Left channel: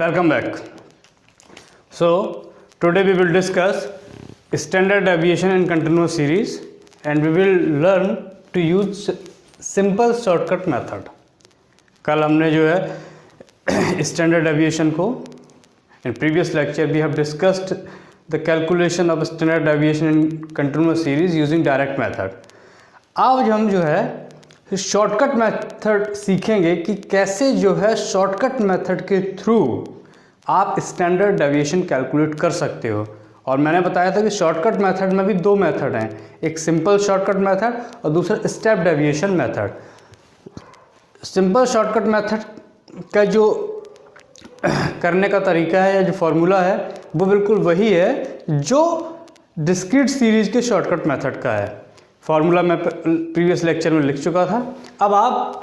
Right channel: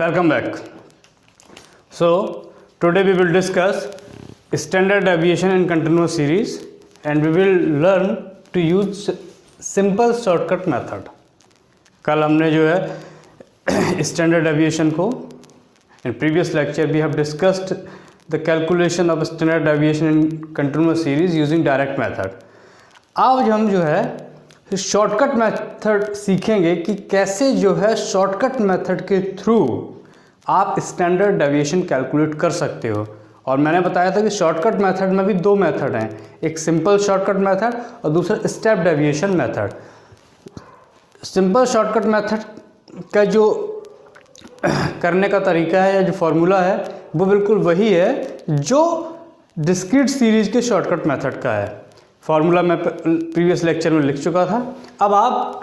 welcome back. So today we will discuss standard deviation in continuous series and we will learn to use simple shortcut method. कल हमने जो है standard deviation को in previous lecture we have discussed the calculation of standard deviation in continuous series using direct method. आज हम जो है shortcut method सीखेंगे कि कैसे जो है शॉर्टकट मेथड के थ्रू आप स्टैंडर्ड डेविएशन कैलकुलेट कर सकते हो। और मैंने बताया था कि शॉर्टकट मेथड में भी दो मेथड हैं, एक सिंपल शॉर्टकट मेथड और दूसरा step deviation method. Simple shortcut method का जो करने का तरीका है या जो फॉर्मूला है वो बिल्कुल वही है जो डिस्क्रीट सीरीज के शॉर्टकट मेथड का है। फॉर्मूला मैं प्रीवियस लेक्चर में लिख चुका था। अब आप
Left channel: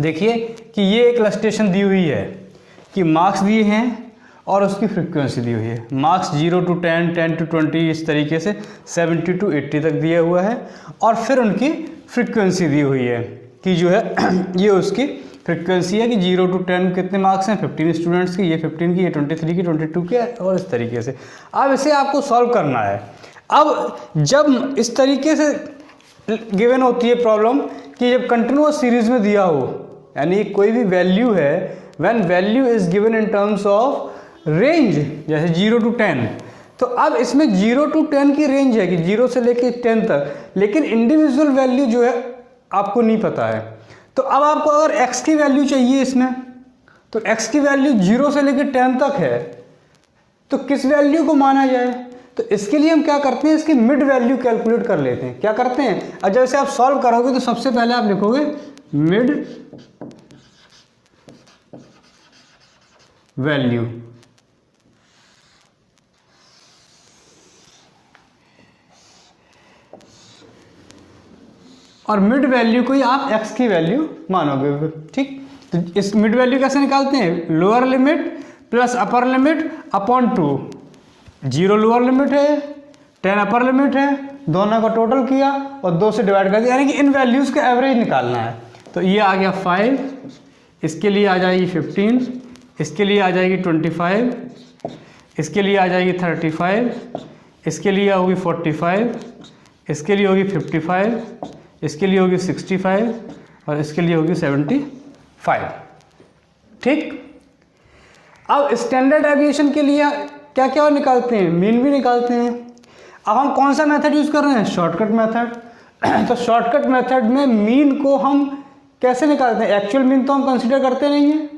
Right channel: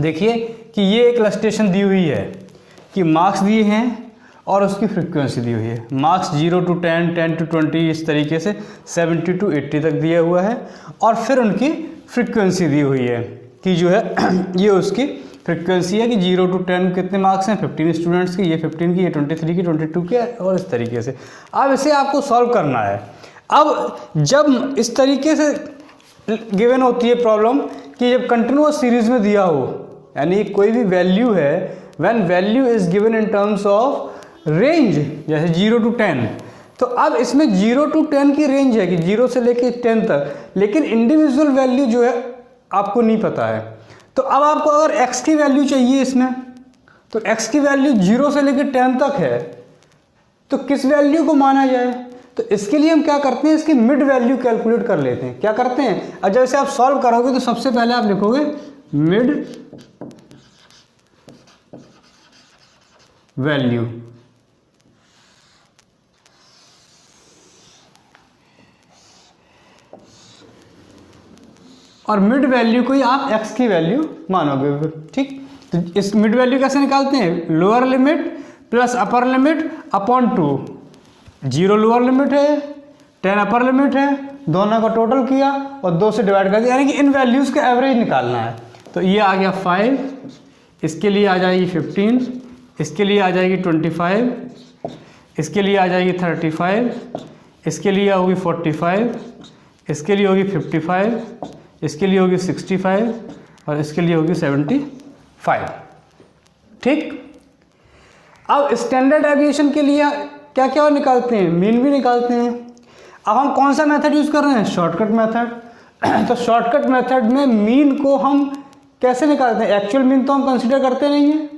देखिए कि ये एक इलस्ट्रेशन दी हुई है कि मार्क्स दिए हैं और उसकी फ्रीक्वेंसी दी हुई है। मार्क्स 0 to 10, 10 to 20 इस तरीके से 70 to 80 तक दिया हुआ है और फिर उनकी फ्रीक्वेंसी दी हुई है कि जो है ये उसकी फ्रीक्वेंसी है कि 0 to 10 कितने मार्क्स हैं, 15 स्टूडेंट्स की, ये 15 की, ये 23 की, 22 की और इस तरीके से। अब इसे आपको सॉल्व करना है। अब जब इस तरीके से गिवन होती है प्रॉब्लम कि जब कंटिन्यूअस सीरीज में दिया हो, यानी कोई भी वैल्यू है, when value is given in terms of range जैसे 0 to 10, तो अब इसमें 0 to 10 की रेंज है कि 0 से लेके 10 तक, लेकिन इंडिविजुअल वैल्यू जो है आपको नहीं पता है। तो अब आपको अगर x की वैल्यू चाहिए इसमें, तो x की वैल्यू 0 से लेकर 10 तक है, तो किस वैल्यू को माना जाए? तो इसके लिए हम क्या करते हैं, इसकी मिड वैल्यू कैलकुलेट कर लेते हैं। क्या करते हैं, और जैसे आप सॉल्व करोगे तो सबसे पहले आप लिखोगे मिड वैल्यू, और मिड वैल्यू को ही आप x की वैल्यू मानोगे। ठीक, तो इस मिड वैल्यू कैसे निकालते हैं? Lower limit plus upper limit upon 2। 0 lower limit है, 10 अपर लिमिट है, दोनों का टोटल किया और 2 से डिवाइड कर दिया, यानी कि इन वैल्यूज का एवरेज निकालना है। तो ये आ गया 5, इसके लिए आ जाएगी 15, इसके लिए आ जाएगी 25, इसके लिए आ जाएगी 35, इसके लिए होगी 45, इसके लिए होगी 55, इसके लिए होगी 65 और इसके लिए होगी 75। ठीक, अब स्टैंडर्ड डेविएशन के लिए क्या क्या निकालते हैं? मीन भी निकालते हैं। अब हम कौन सा मेथड यूज कर रहे हैं? Shortcut method. तो शॉर्टकट मेथड में मीन को हम कैसे निकालते हैं? एक्चुअल मीन तो हम कंसीडर करते नहीं है,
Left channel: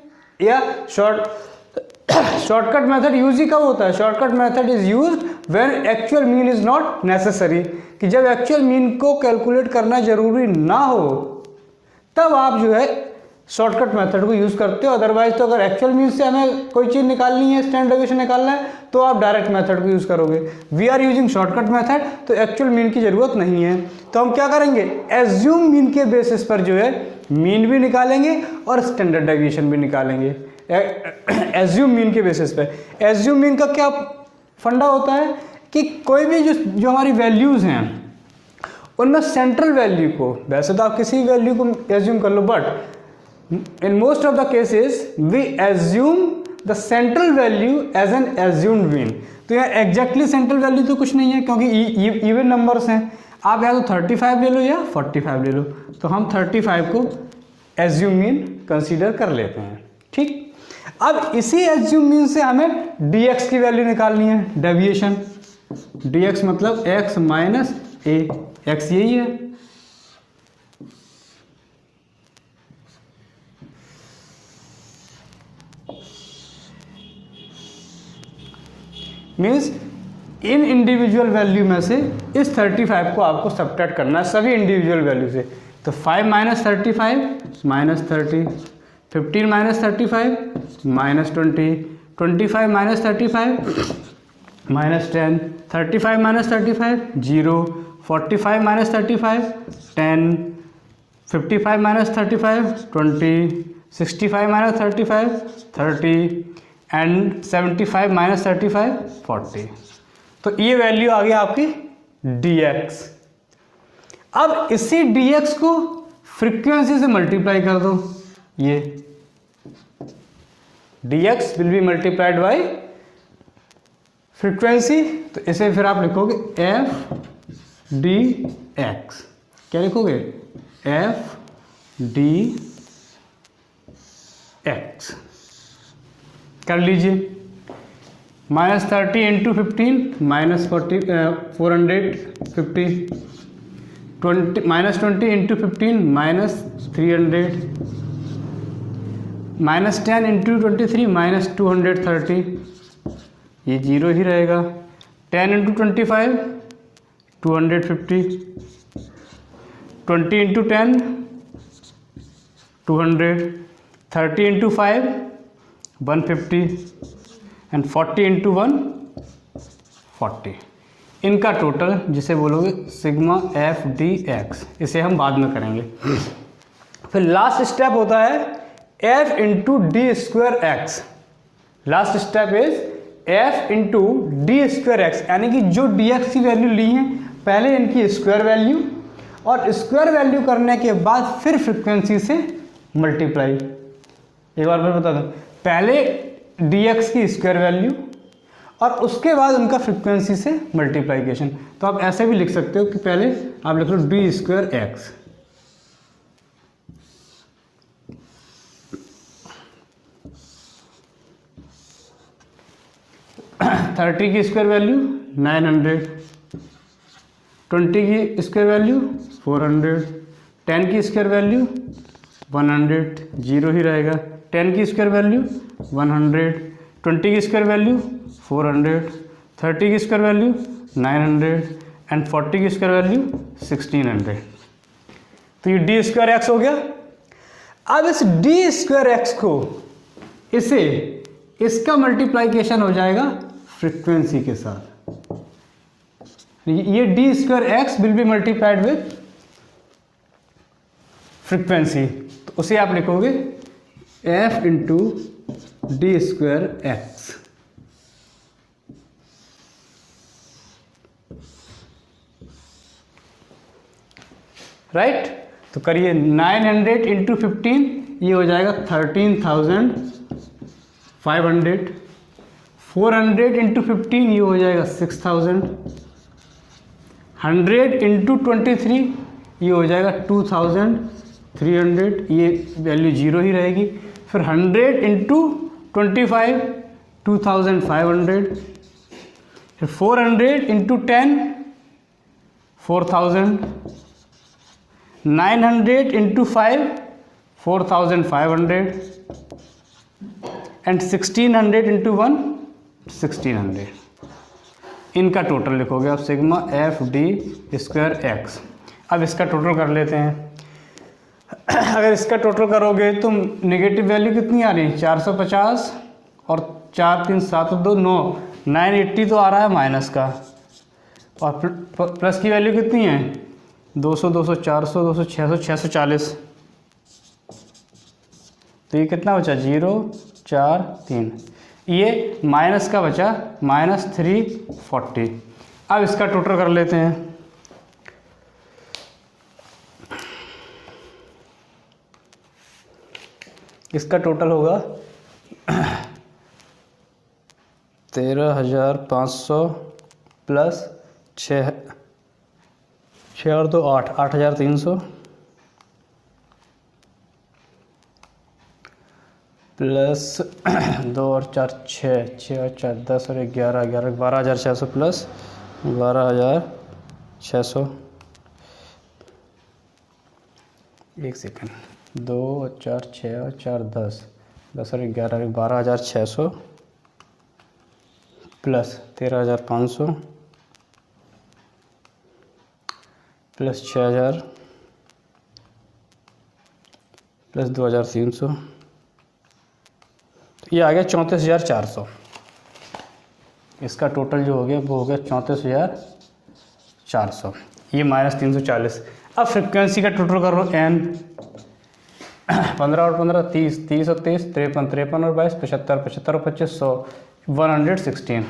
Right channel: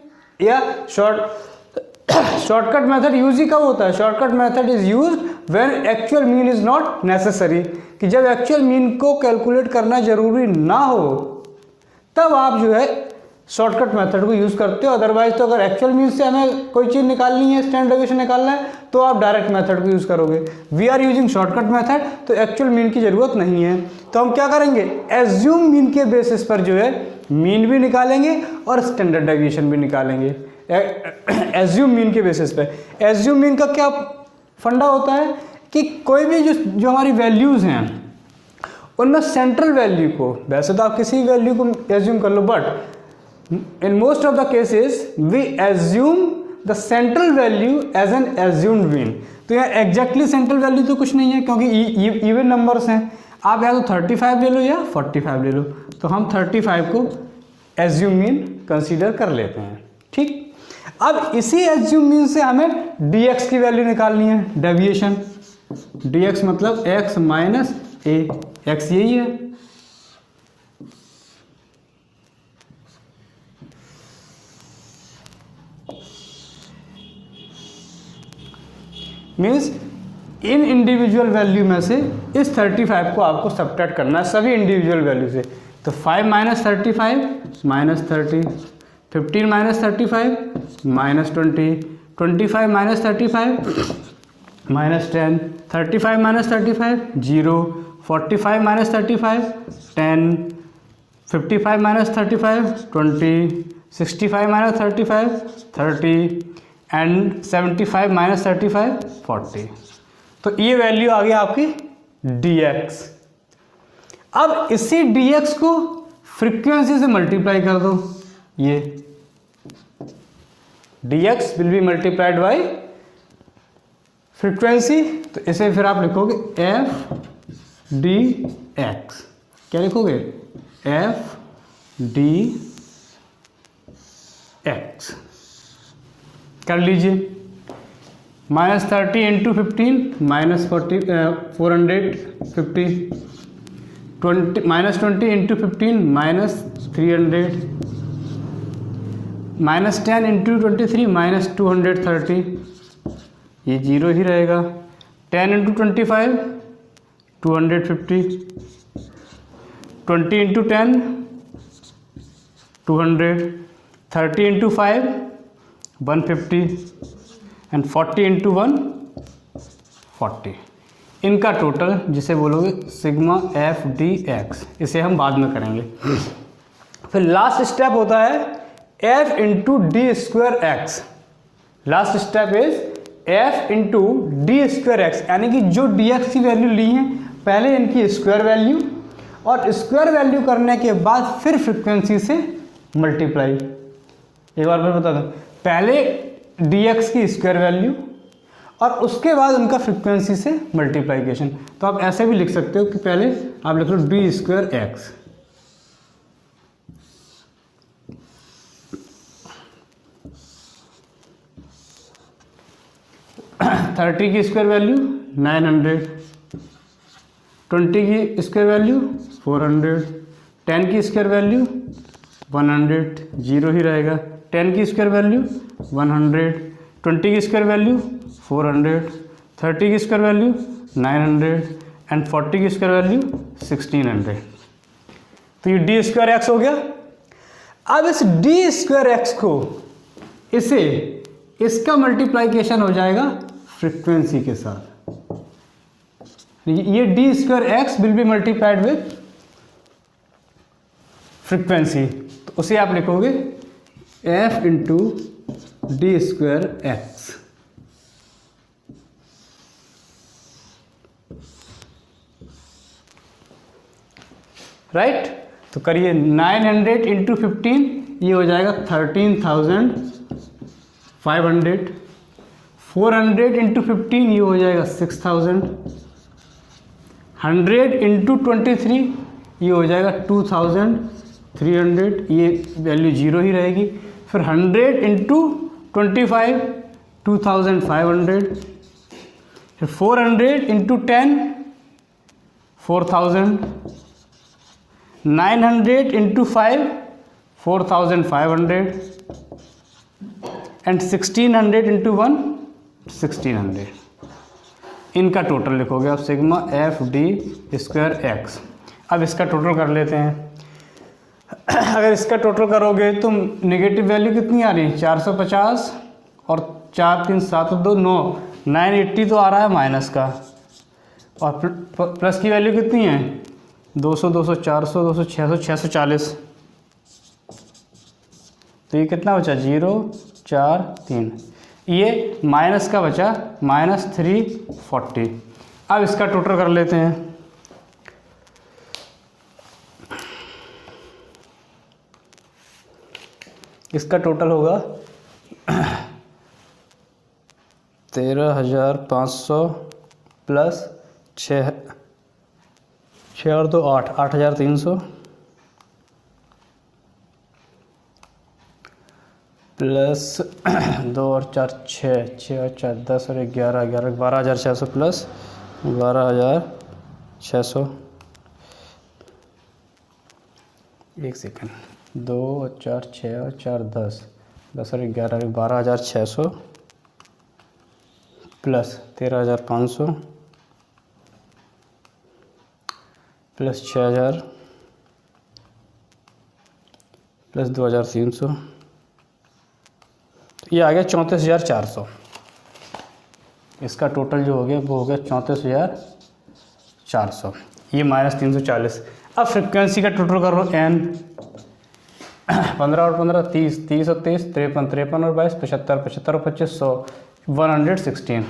या शॉर्टकट मेथड यूज ही कब होता है? Shortcut method is use when actual mean is not necessary, कि जब एक्चुअल मीन को कैलकुलेट करना जरूरी ना हो तब आप जो है शॉर्टकट मेथड को यूज करते हो। अदरवाइज तो अगर एक्चुअल मीन से हमें कोई चीज निकालनी है, स्टैंडर्ड डेविएशन निकालना है, तो आप डायरेक्ट मेथड को यूज करोगे। We are using shortcut method, तो एक्चुअल मीन की जरूरत नहीं है। तो हम क्या करेंगे, एज्यूम मीन के बेसिस पर जो है मीन भी निकालेंगे और स्टैंडर्ड डेविएशन भी निकालेंगे। एज्यूम मीन के बेसिस पे। एज्यूम मीन का क्या फंडा होता है कि कोई भी जो हमारी वैल्यूज हैं उनमें सेंट्रल वैल्यू को, वैसे तो आप किसी वैल्यू को एज्यूम कर लो, but in most of the cases we assume the central value as an assumed mean. तो यहाँ एग्जैक्टली सेंट्रल वैल्यू तो कुछ नहीं है क्योंकि इवन नंबर्स हैं। आप या तो 35 ले लो या 45 ले लो, तो हम 35 को एज्यूम मीन कंसीडर कर लेते हैं। ठीक, अब इसी एज्यूम मीन से हमें dx की वैल्यू निकालनी है, डेविएशन। dx मतलब x माइनस a, x यही है। मीन्स इन इंडिविजुअल वैल्यू में से इस 35 को आपको सब्ट्रैक्ट करना है सभी इंडिविजुअल वैल्यू से। तो 5 minus 35 minus 30, 15 minus 35 minus 20, 25 minus 35 minus 10, 35 minus 35 0, 45 minus 35 10, 55 minus 35 20, 65 minus 35 30 and 75 minus 35 40। तो ये वैल्यू आ गई आपकी dx। अब इसी dx को फ्रीक्वेंसी से मल्टीप्लाई कर दो, ये dx will be multiplied by frequency, तो इसे फिर आप लिखोगे एफ डी एक्स। क्या लिखोगे? F D x. कर लीजिए। -30 इंटू 15 -40 450, -20 इंटू 15 -300, -10 इंटू 23 -230, ये जीरो ही रहेगा। 10 into 25 250, 20 into 10 200, 30 into 5 150 and 40 into 1 40। इनका टोटल जिसे बोलोगे सिग्मा एफ डी एक्स, इसे हम बाद में करेंगे। फिर लास्ट स्टेप होता है F into D square x. Last step is F into D square x, यानी कि जो डी एक्स की वैल्यू ली है पहले इनकी स्क्वायर वैल्यू, और स्क्वायर वैल्यू करने के बाद फिर फ्रिक्वेंसी से मल्टीप्लाई। एक बार मैं बता दूं, पहले डी एक्स की स्क्वायर वैल्यू और उसके बाद उनका फ्रिक्वेंसी से मल्टीप्लाइकेशन। तो आप ऐसे भी लिख सकते हो कि पहले आप लिख लो डी स्क्वायर एक्स, थर्टी की स्क्वायर वैल्यू 900, 20 की स्क्वायर वैल्यू 400, 10 की स्क्वायर वैल्यू 100, जीरो ही रहेगा। 10 की स्क्वायर वैल्यू 100, 20 की स्क्वायर वैल्यू 400, 30 की स्क्वायर वैल्यू 900 एंड 40 की स्क्वायर वैल्यू 1600। तो ये डी स्क्वायर एक्स हो गया। अब इस डी स्क्वायर एक्स को इसे इसका मल्टीप्लाइकेशन हो जाएगा फ्रीक्वेंसी के साथ। ये D square x will be multiplied with frequency, तो उसे आप लिखोगे F into D square x. Right, तो करिए 900 इंटू 15, ये हो जाएगा 13,500। 400 इंटू 15 ये हो जाएगा 6,000। 100 इंटू 23 ये हो जाएगा 2,300, ये वैल्यू जीरो ही रहेगी। फिर 100 इंटू 25 2,500, फिर 400 इंटू 10 4,000, 900 इंटू 5 4,500 एंड 1600 इंटू 1 1600। इनका टोटल लिखोगे आप sigma F D square x. अब इसका टोटल कर लेते हैं। अगर इसका टोटल करोगे तो नेगेटिव वैल्यू कितनी आ रही है? 450 और 4 3 7 2 9, 980 तो आ रहा है माइनस का, और प्लस की वैल्यू कितनी है? 200 200 400 200 600 640। तो ये कितना बचा? 0 4 3, ये माइनस का बचा -340। अब इसका टोटल कर लेते हैं। इसका टोटल होगा 13,500 प्लस 6 और 2 8, 8,300 प्लस 2 और 4 6, 6 और 4 10 और 11 11 12,600 प्लस 12,600। एक सेकंड, 2 और 4 6 और 4 10 10 और 11 12,600 प्लस 13,500 प्लस 6,000 प्लस 2,300, ये आ गया 34,400। इसका टोटल जो हो गया वो हो गया 34,400, ये -340। अब फ्रिक्वेंसी का टोटल करो n, 15 और 15 30, 30 और 23 53, 53 और 22 75, 75 और 25 100, 116।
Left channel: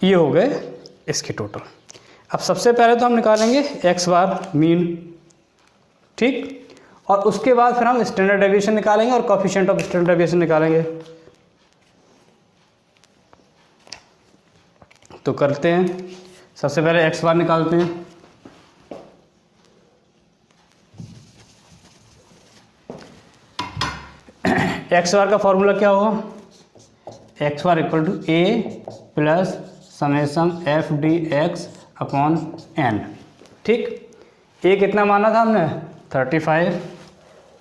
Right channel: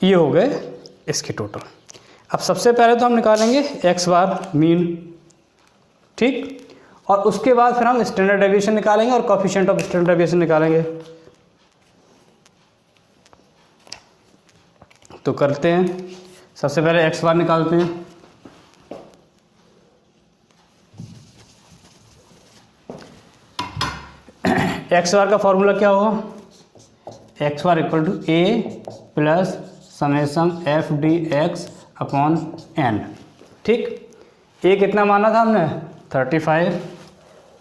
ये हो गए इसके टोटल। अब सबसे पहले तो हम निकालेंगे x बार मीन, ठीक, और उसके बाद फिर हम स्टैंडर्ड डेविएशन निकालेंगे और कोएफिशिएंट ऑफ स्टैंडर्ड डेविएशन निकालेंगे। तो करते हैं, सबसे पहले एक्स बार निकालते हैं। एक्स बार का फॉर्मूला क्या होगा, X bar equal to A plus summation F D X upon N. ठीक, ए कितना माना था हमने 35,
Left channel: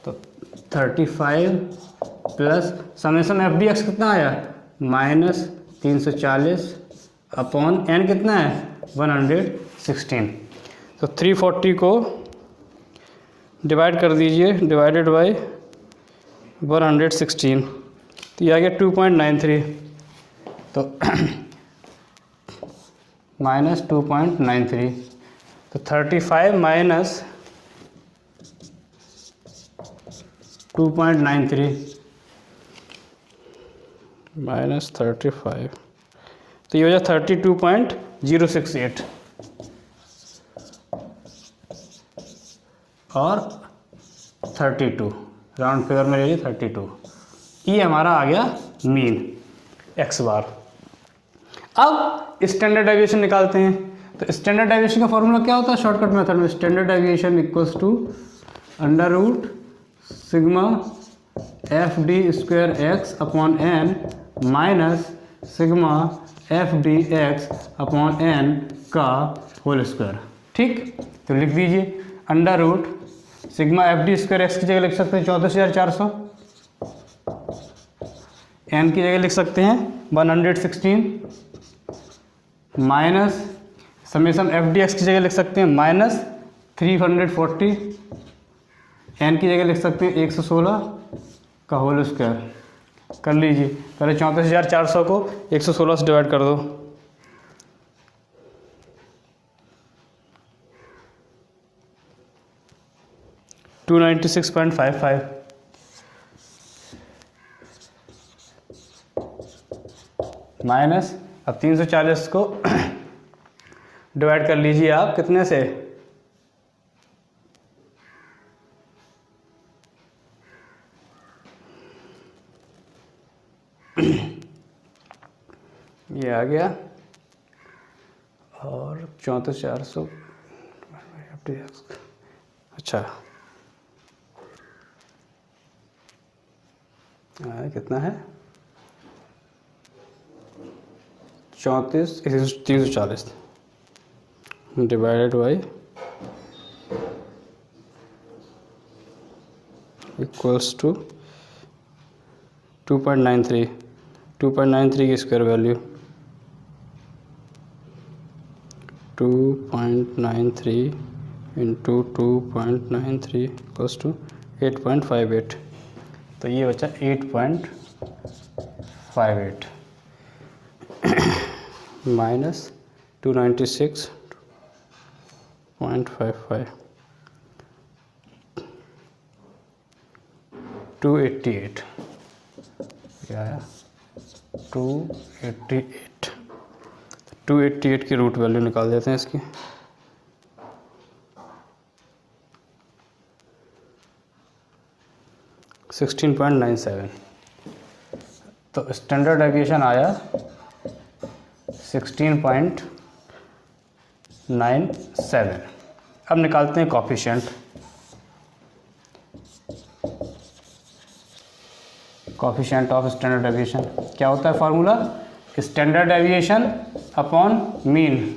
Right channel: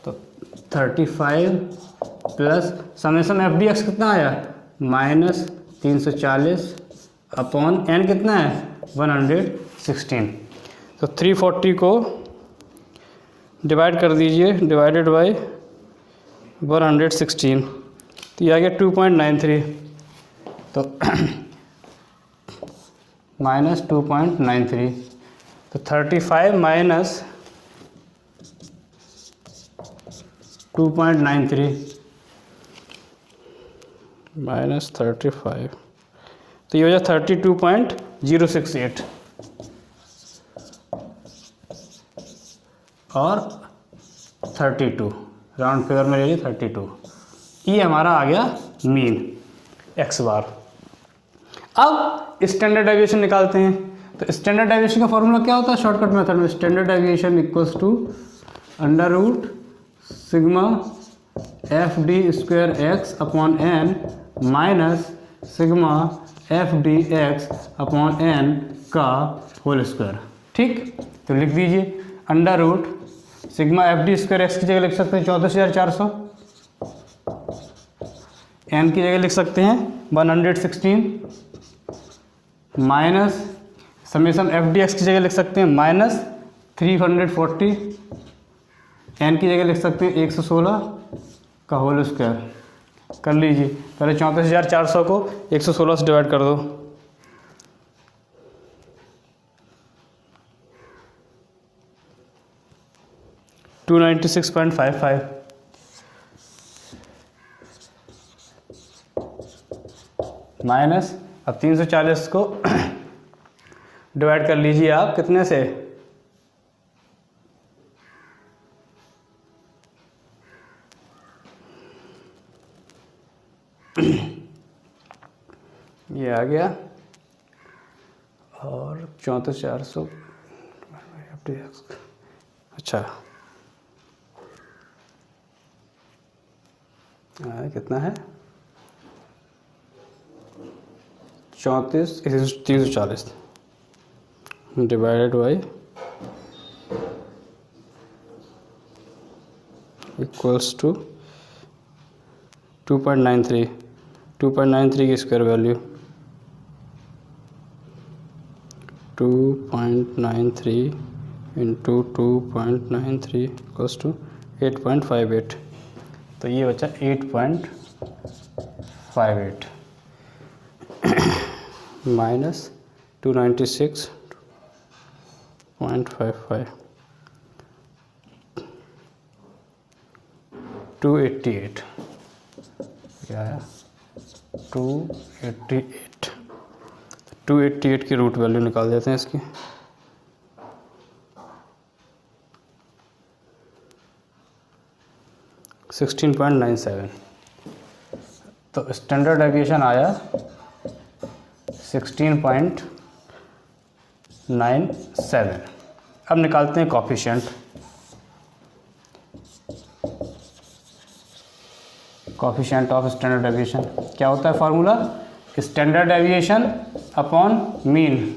तो 35 plus summation F D X कितना आया -340 अपॉन एन कितना है 116। तो 340 को डिवाइड कर दीजिए, डिवाइडेड बाय 116, तो ये आ गया 2.93, तो -2.93, तो 35 माइनस 2.93 माइनस 35, तो ये हो जाए 32.068 और 32, राउंड फिगर में ले 32। ये हमारा आ गया मीन एक्स बार। अब स्टैंडर्ड डेविएशन निकालते हैं। तो स्टैंडर्ड डेविएशन का फॉर्मूला क्या होता है शॉर्टकट मेथड में, standard deviation equals to under root sigma F D square X upon N minus sigma F D X upon N का होल स्क्वायर। ठीक, तो लिख दीजिए under root sigma F D square X की जगह लिख सकते हैं 14,400, एन की जगह लिख सकते हैं 116 minus summation F D x की जगह लिख सकते हैं -340, एन की जगह लिख सकते हैं 116 का होल स्क्वायर। कर लीजिए, पहले 34,400 को 116 से डिवाइड कर दो, $296.55 माइनस, अब 340 को डिवाइड कर लीजिए आप कितने से, ये आ गया, और 34,400 अच्छा कितना है 340 डिवाइडेड बाई इक्वल्स टू 2.93 की square value 2.93 into 2.93 equals to 8.58, तो ये बचा 8.58 माइनस 296.55 288 288 की रूट वैल्यू निकाल देते हैं इसकी, $16.97, तो स्टैंडर्ड डेविएशन आया 16.97। अब निकालते हैं coefficient. Coefficient of standard deviation क्या होता है formula, standard deviation upon mean.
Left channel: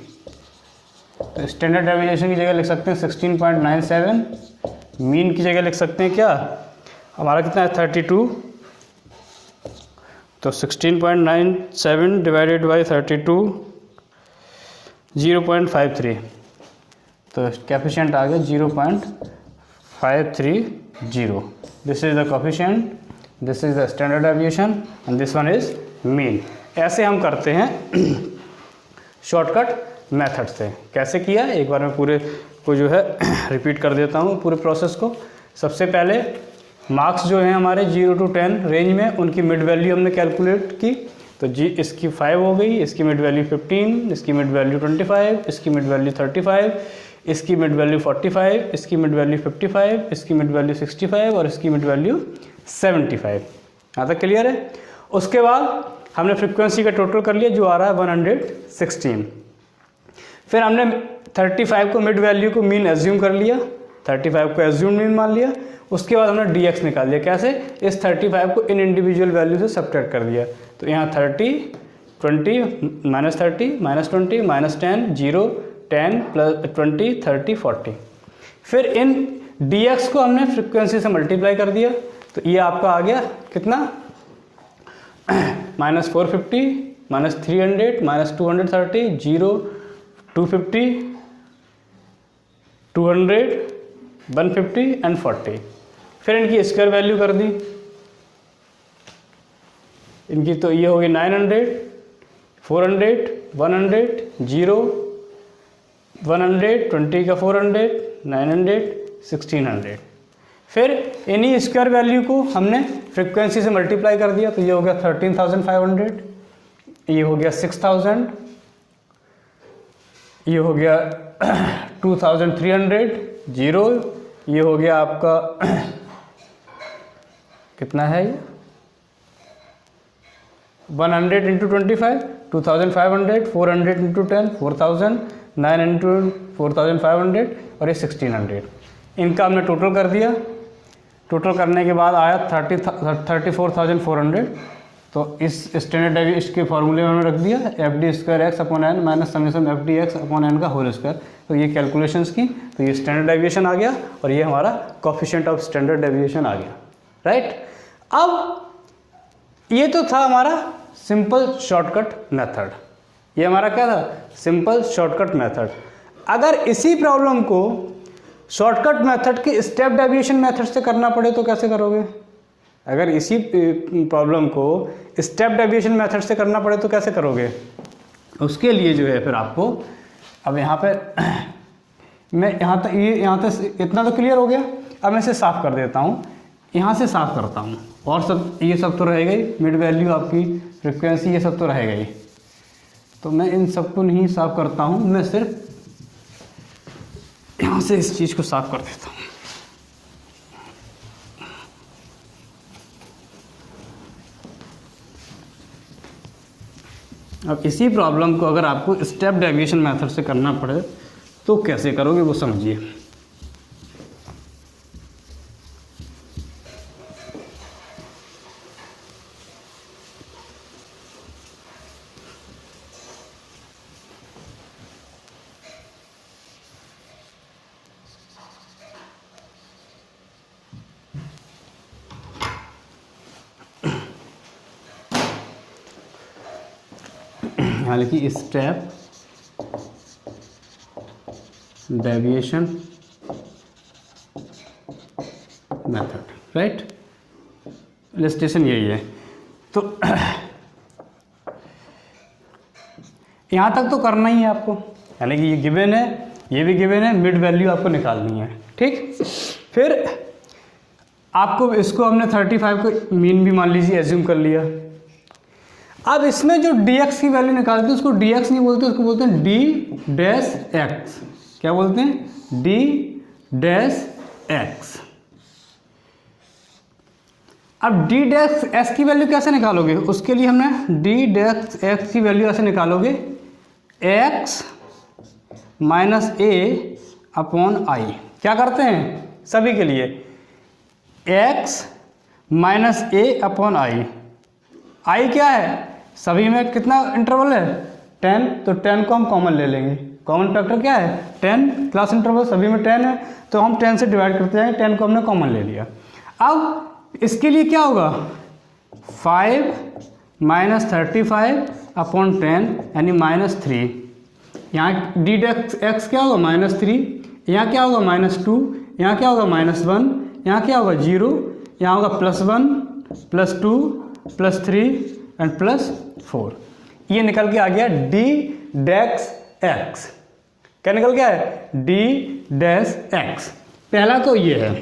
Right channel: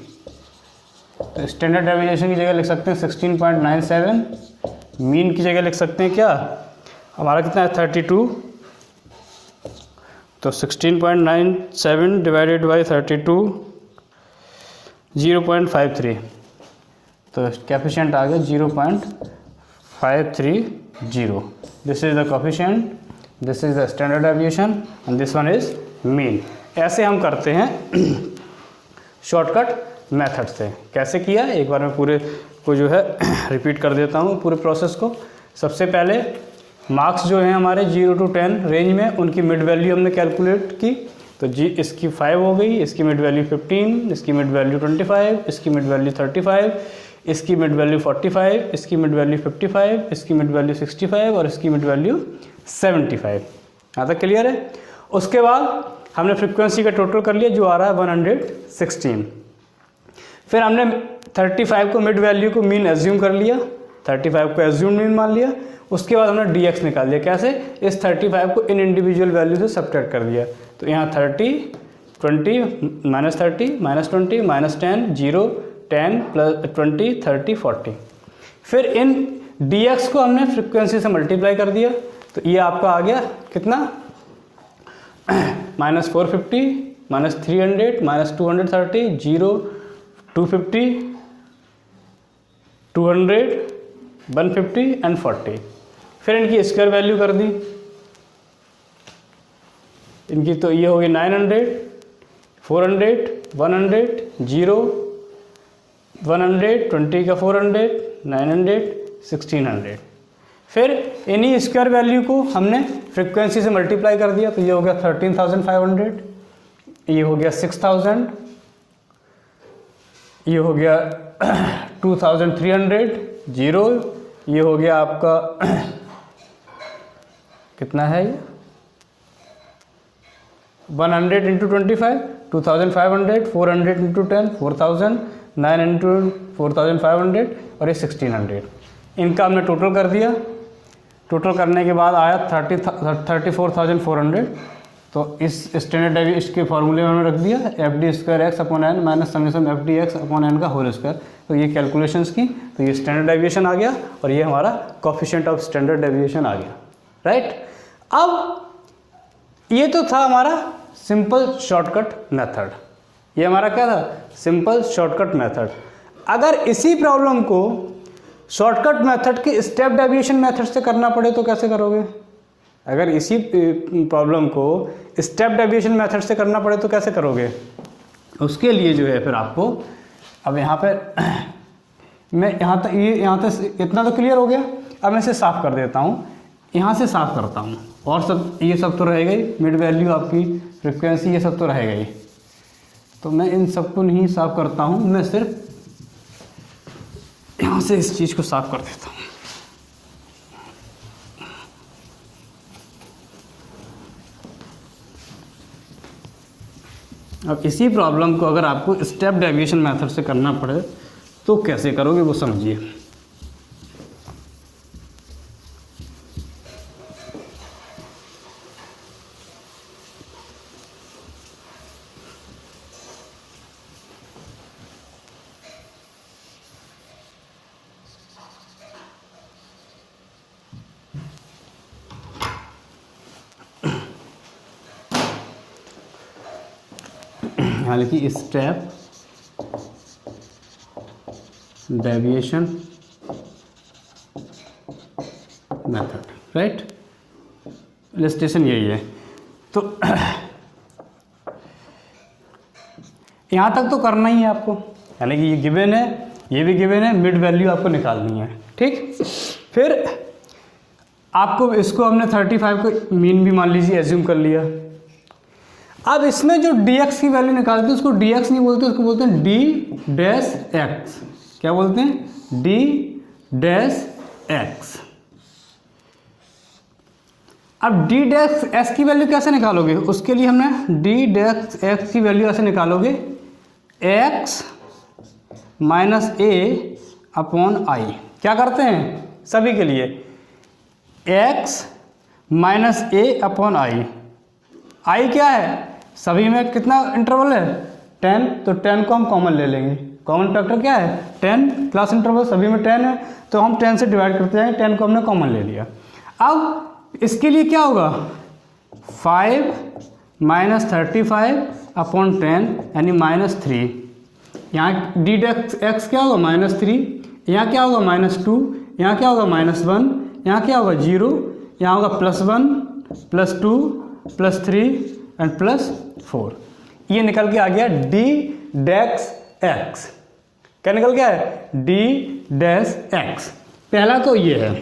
तो स्टैंडर्ड डेविएशन की जगह लिख सकते हैं 16.97, मीन की जगह लिख सकते हैं क्या, हमारा कितना है 32, तो 16.97 डिवाइडेड बाई 32 0.53, तो कोएफिशिएंट आ गया 0.530। This is the coefficient, this is the standard deviation and this one is mean. ऐसे हम करते हैं शॉर्टकट मेथड से। कैसे किया एक बार मैं पूरे को जो है रिपीट कर देता हूँ पूरे प्रोसेस को। सबसे पहले मार्क्स जो हैं हमारे 0 to 10 रेंज में, उनकी मिड वैल्यू हमने कैलकुलेट की। तो जी इसकी 5 हो गई, इसकी मिड वैल्यू 15, इसकी मिड वैल्यू 25, इसकी मिड वैल्यू 35, इसकी मिड वैल्यू 45, इसकी मिड वैल्यू 55, इसकी मिड वैल्यू 65 और इसकी मिड वैल्यू 75। यहाँ तक क्लियर है। उसके बाद हमने फ्रीक्वेंसी का टोटल कर लिया जो आ रहा है 116। फिर हमने 35 को मिड वैल्यू को मीन एज्यूम कर लिया, 35 को एज्यूम मीन मान लिया। उसके बाद हमने dx निकाल लिया। कैसे? इस 35 को इन इंडिविजुअल वैल्यू से सब्ट्रैक्ट कर दिया। तो यहाँ 30, 20, -30, -20, -10, 0, 10, +20, 30, 40। फिर इन dx को हमने फ्रिक्वेंसी से मल्टीप्लाई कर दिया। तो ये आपका आ गया कितना? -450, -300, -230, 0, 250, 200, 150 एंड 40। फिर इनकी स्क्वायर वैल्यू कर दी इनकी। तो ये होगी 900, 400, 100, 0, 100, 20 का 400, 900, 1600। फिर इन्हीं स्क्वायर वैल्यू को हमने फ्रीक्वेंसी से मल्टीप्लाई कर दिया। तो ये हो गया 13,500, ये हो गया 6,000, ये हो गया 2,300, 0, ये हो गया आपका कितना है ये 100 इंटू 25, 2,500, 400 इंटू 10, 4,000, 9 इंटू 4,500 और ये 1,600। इनका हमने टोटल कर दिया। टोटल करने के बाद आया 34,400। तो इस स्टैंडर्ड डेविएशन इसके फॉर्मूले में हमने रख दिया FD²x/n माइनस समेशन FDx/n का होल स्क्वायर। तो ये कैलकुलेशंस की, तो ये स्टैंडर्ड डेविएशन आ गया और ये हमारा कोफिशिएंट ऑफ स्टैंडर्ड डेविएशन आ गया, राइट। अब ये तो था हमारा सिंपल शॉर्टकट मेथड। ये हमारा क्या था? Simple shortcut method. अगर इसी प्रॉब्लम को शॉर्टकट मेथड के स्टेप डेविएशन मेथड से करना पड़े तो कैसे करोगे? अगर इसी प्रॉब्लम को स्टेप डेविएशन मेथड से करना पड़े तो कैसे करोगे? उसके लिए जो है फिर आपको अब यहाँ पे मैं यहाँ तक इतना तो क्लियर हो गया। अब मैं इसे साफ कर देता हूँ, यहाँ से साफ करता हूँ और सब ये सब तो रहेगा ही, मिड वैल्यू आपकी फ्रिक्वेंसी ये सब तो रहेगा ही। तो मैं इन सबको नहीं साफ करता हूँ, मैं सिर्फ यहाँ से इस चीज़ को साफ कर देता हूँ। अब इसी प्रॉब्लम को अगर आपको स्टेप डेविएशन मेथड से करना पड़े तो कैसे करोगे वो समझिए। हालांकि step deviation method, right, illustration यही है। तो यहाँ तक तो करना ही है आपको, यानी कि ये गिवन है, ये भी गिवन है, मिड वैल्यू आपको निकालनी है, ठीक। फिर आपको इसको हमने 35 को मीन भी मान लीजिए एज्यूम कर लिया। अब इसमें जो dx की वैल्यू निकालते हैं उसको dx नहीं बोलते, उसको बोलते हैं d-x। क्या बोलते हैं? d-x। अब d-x की वैल्यू कैसे निकालोगे? उसके लिए हमने d-x की वैल्यू ऐसे निकालोगे x minus a upon i। क्या करते हैं सभी के लिए? x minus a upon i। i क्या है? सभी में कितना इंटरवल है? 10। तो 10 को हम कॉमन ले लेंगे। कॉमन फैक्टर क्या है? 10 प्लस इंटरवल, सभी में 10 है तो हम 10 से डिवाइड करते जाएंगे। 10 को हमने कॉमन ले लिया। अब इसके लिए क्या होगा? 5 माइनस 35 अपॉन 10 यानी -3। यहाँ d(x) क्या होगा? -3। यहाँ क्या होगा? -2। यहाँ क्या होगा? -1। यहाँ क्या होगा? 0। यहाँ होगा +1 +2 +3 एंड +4। ये निकल के आ गया d(x). क्या निकल गया है? d(x). पहला तो ये है।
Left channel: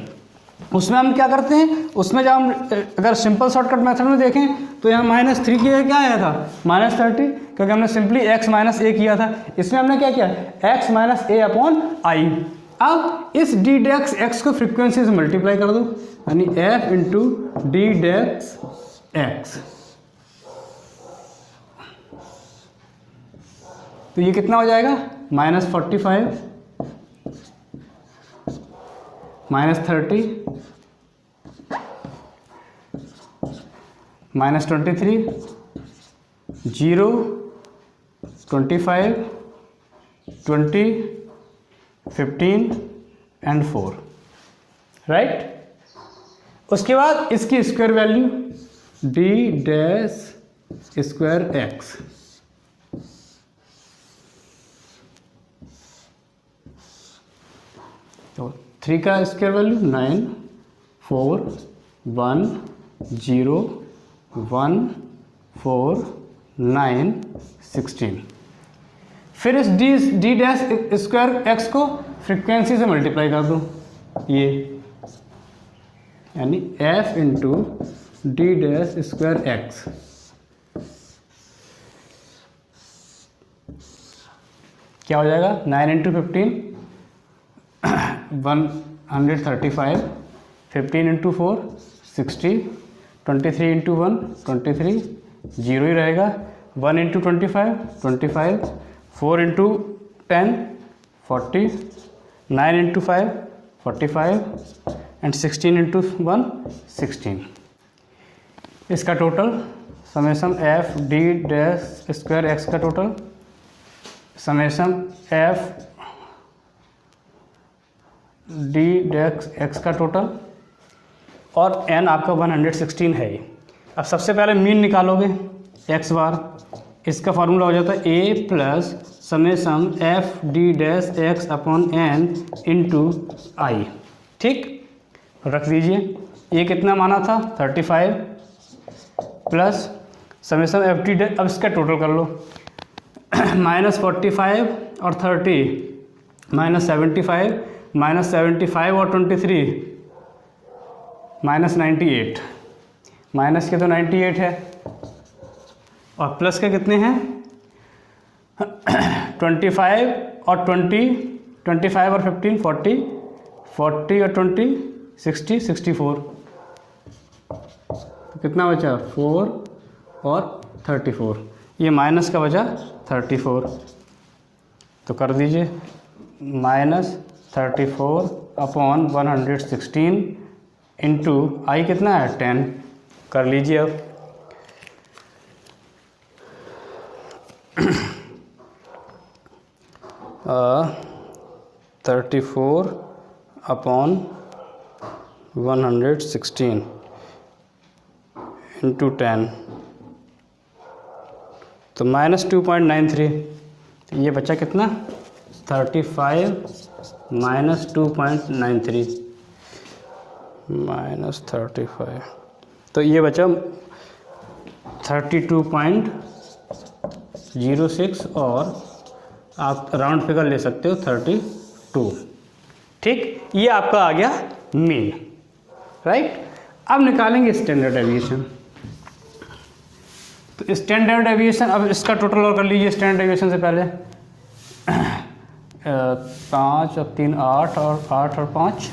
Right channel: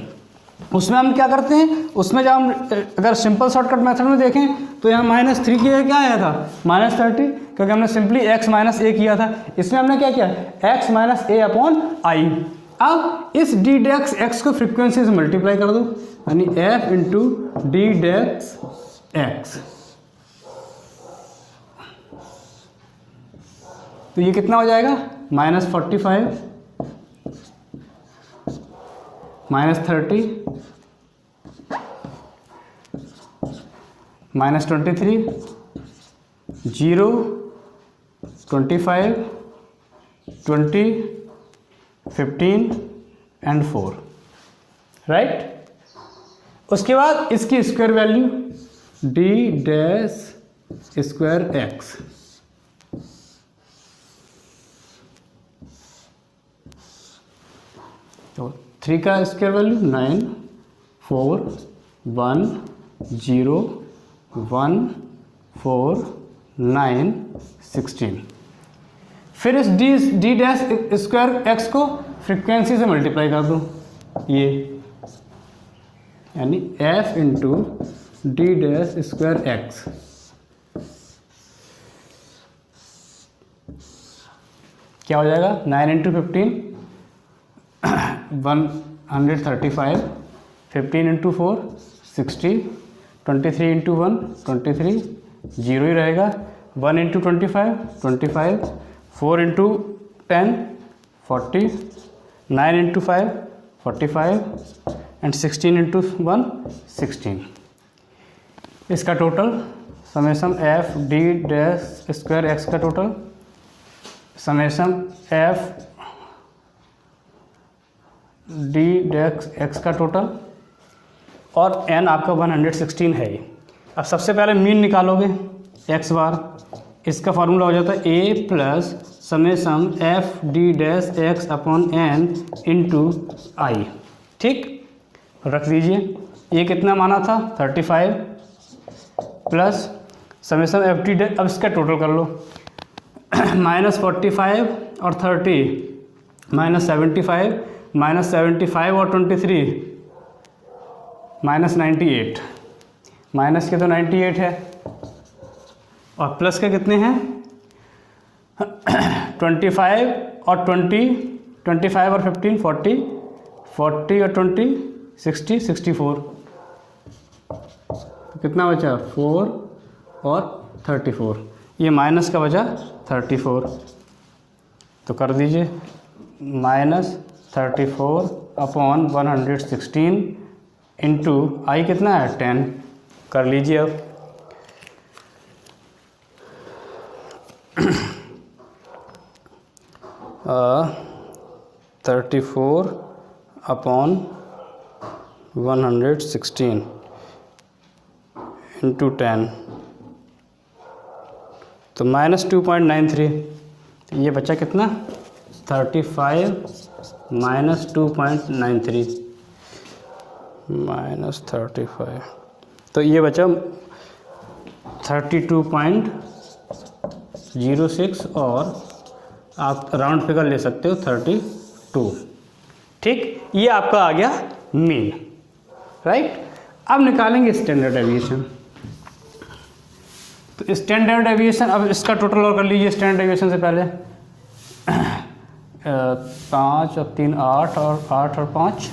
उसमें हम क्या करते हैं? उसमें जब हम अगर सिंपल शॉर्टकट मेथड में देखें तो यहाँ -3 की जगह क्या आया था -30, क्योंकि हमने सिंपली x माइनस ए किया था, इसमें हमने क्या किया x minus A upon I. अब इस डी डेक्स एक्स को फ्रीक्वेंसी से मल्टीप्लाई कर दो, यानी f इंटू डी डेक्स एक्स। तो ये कितना हो जाएगा -45 -30 -23 0 25 20 15 एंड 4, राइट। उसके बाद इसकी square value D dash square x, तो 3 का स्क्वायर वैल्यू 9 4 1 0 1 4 9 16। फिर इस डी डैश स्क्वायर एक्स को फ्रीक्वेंसी से मल्टीप्लाई कर दो, ये यानी f into D dash square x. क्या हो जाएगा 9 इंटू 15 135, 15 इंटू 4 60, 23 इंटू 1 23, 0 ही रहेगा, 1 into 25 25, 4 into 10 40, 9 into 5 45 and 16 into 1 16। इसका total summation F D dash square X का total summation F D dash X का टोटल, और एन आपका 116 है ये। अब सबसे पहले मीन निकालोगे एक्स बार, इसका फॉर्मूला हो जाता है A plus summation F D dash X upon N into I, ठीक। रख दीजिए, ये कितना माना था 35 plus summation F D dash, अब इसका टोटल कर लो -45 और 30 -75 और 23 -98, माइनस के तो 98 है और प्लस के कितने हैं 25 और 20, 25 और 15 40, 40 और 20 60 64, कितना बचा 4 और 34, ये माइनस का बचा 34, तो कर दीजिए -34 अपॉन 116 इंटू आई कितना है 10, कर लीजिए अब। uh, 34 अपॉन 116 इंटू 10, तो -2.93, ये बचा कितना 35 -2.93 -35, तो ये बचा 32.06 और आप राउंड फिगर ले सकते हो 32, ठीक। ये आपका आ गया मीन, राइट। अब निकालेंगे स्टैंडर्ड डेविएशन। तो स्टैंडर्ड डेविएशन, अब इसका टोटल और कर लीजिए स्टैंडर्ड डेविएशन से पहले 5 और 3 8 और 8 और 5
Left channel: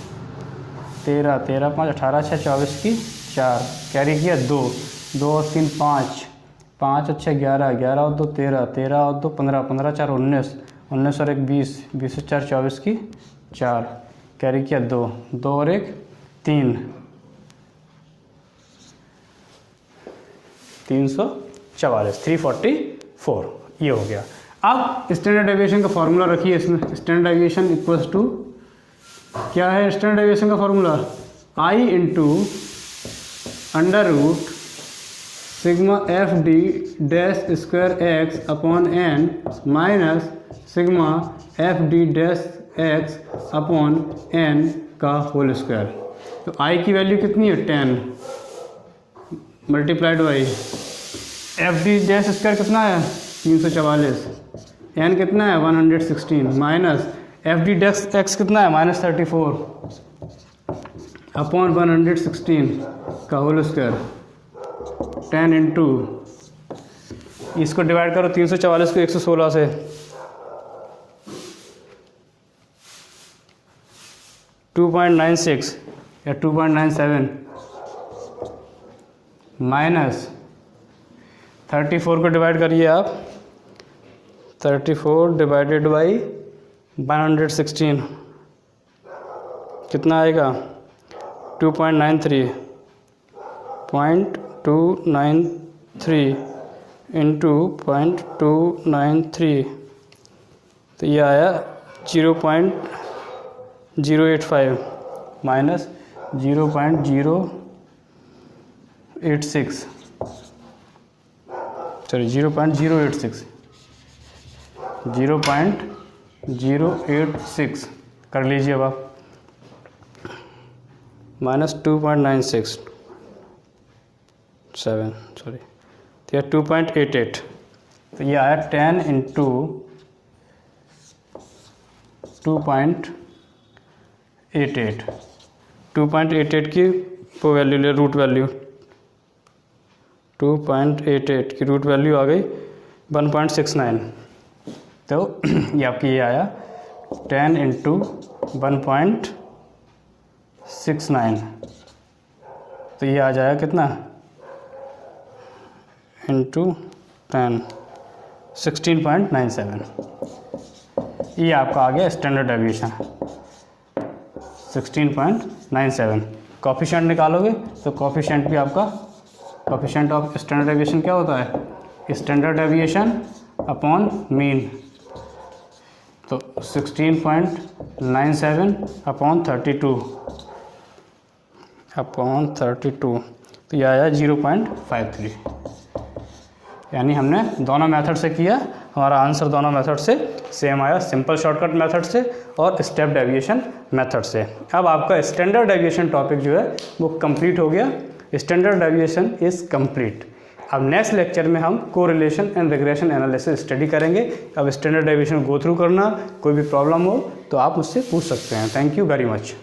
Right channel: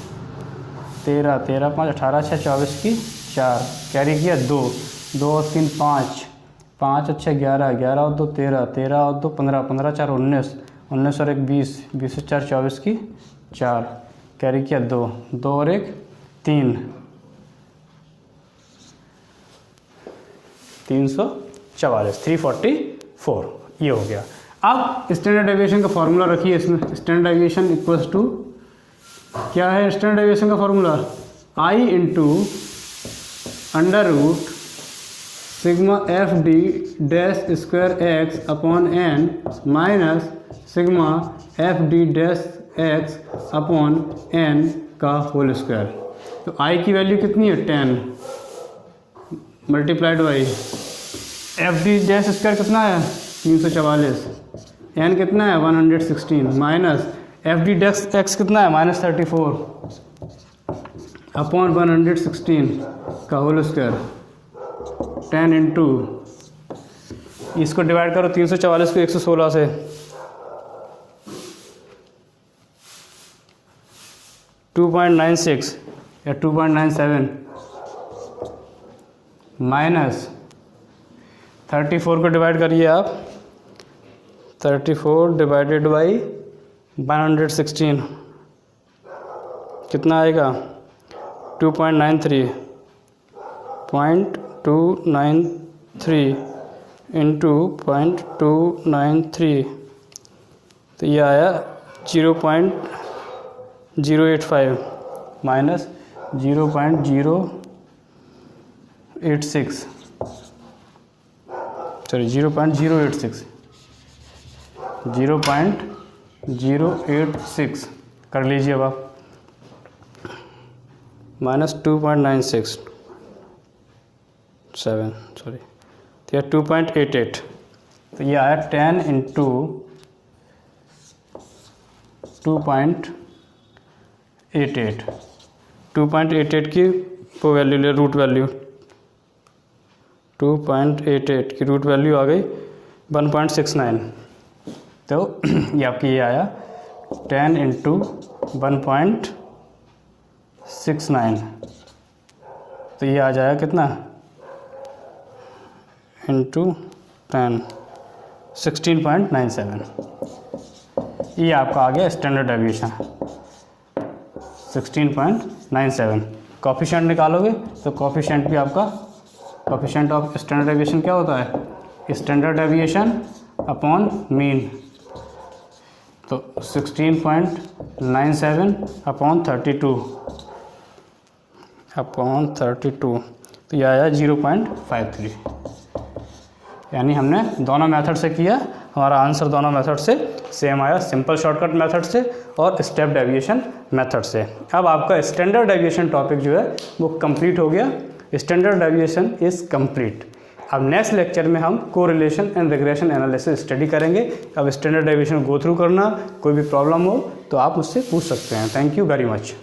13 13 5 18 6 24 की 4, कैरी किया 2 2 और 3 5 5 और 6 11 11 और 2 13 13 और 2 15 15 4 19 19 और 1 20 20 और 4 24 की 4, कैरी किया 2 2 और 1 3 344 344, ये हो गया। अब स्टैंडर्ड डेविएशन का फॉर्मूला रखिए इसमें, स्टैंडर्ड डेविएशन इक्वल्स टू क्या है स्टैंडर्ड डेविएशन का formula I into under root sigma F D dash square X upon N minus sigma F D dash X upon N का होल स्क्वायर। तो I की value कितनी है 10 multiplied by F D dash square कितना है 344, N कितना है 116 minus F D dash X कितना है -34 अपॉन 116 का होल स्क्वायर 10 इंटू, इसको डिवाइड करो 344 को 116 से, .96 या 2.97 माइनस 34 को डिवाइड करिए आप, 34 डिवाइडेड बाई 116 कितना आएगा 2.93 इंटू 0.293, तो ये आया 0.085 माइनस 0.086, सॉरी 0.086 कर लीजिए अब आप, माइनस 2.967 सॉरी, तो ये 2.88, तो ये आया 10 इंटू 2.88 की वो वैल्यू ले, रूट वैल्यू 2.88 की रूट वैल्यू आ गई 1.69, तो ये आपकी ये आया 10 इंटू 1.69, तो ये आ जाएगा कितना इंटू 10 16.97, ये आपका आ गया स्टैंडर्ड डेविएशन 16.97। कोफिशिएंट निकालोगे तो कोफिशिएंट भी आपका, कोफिशिएंट ऑफ स्टैंडर्ड डेविएशन क्या होता है, स्टैंडर्ड डेविएशन अपॉन मीन, तो 16.97 अपॉन 32, तो यह आया 0.53, यानी हमने दोनों मेथड से किया, हमारा आंसर दोनों मेथड से सेम आया, सिंपल शॉर्टकट मेथड से और स्टेप डेविएशन मेथड से। अब आपका स्टैंडर्ड डेविएशन टॉपिक जो है वो कंप्लीट हो गया, स्टैंडर्ड डेविएशन इज़ कंप्लीट। अब नेक्स्ट लेक्चर में हम correlation and regression analysis study करेंगे। अब स्टैंडर्ड डेविएशन गो थ्रू करना, कोई भी प्रॉब्लम हो तो आप उससे पूछ सकते हैं। Thank you very much.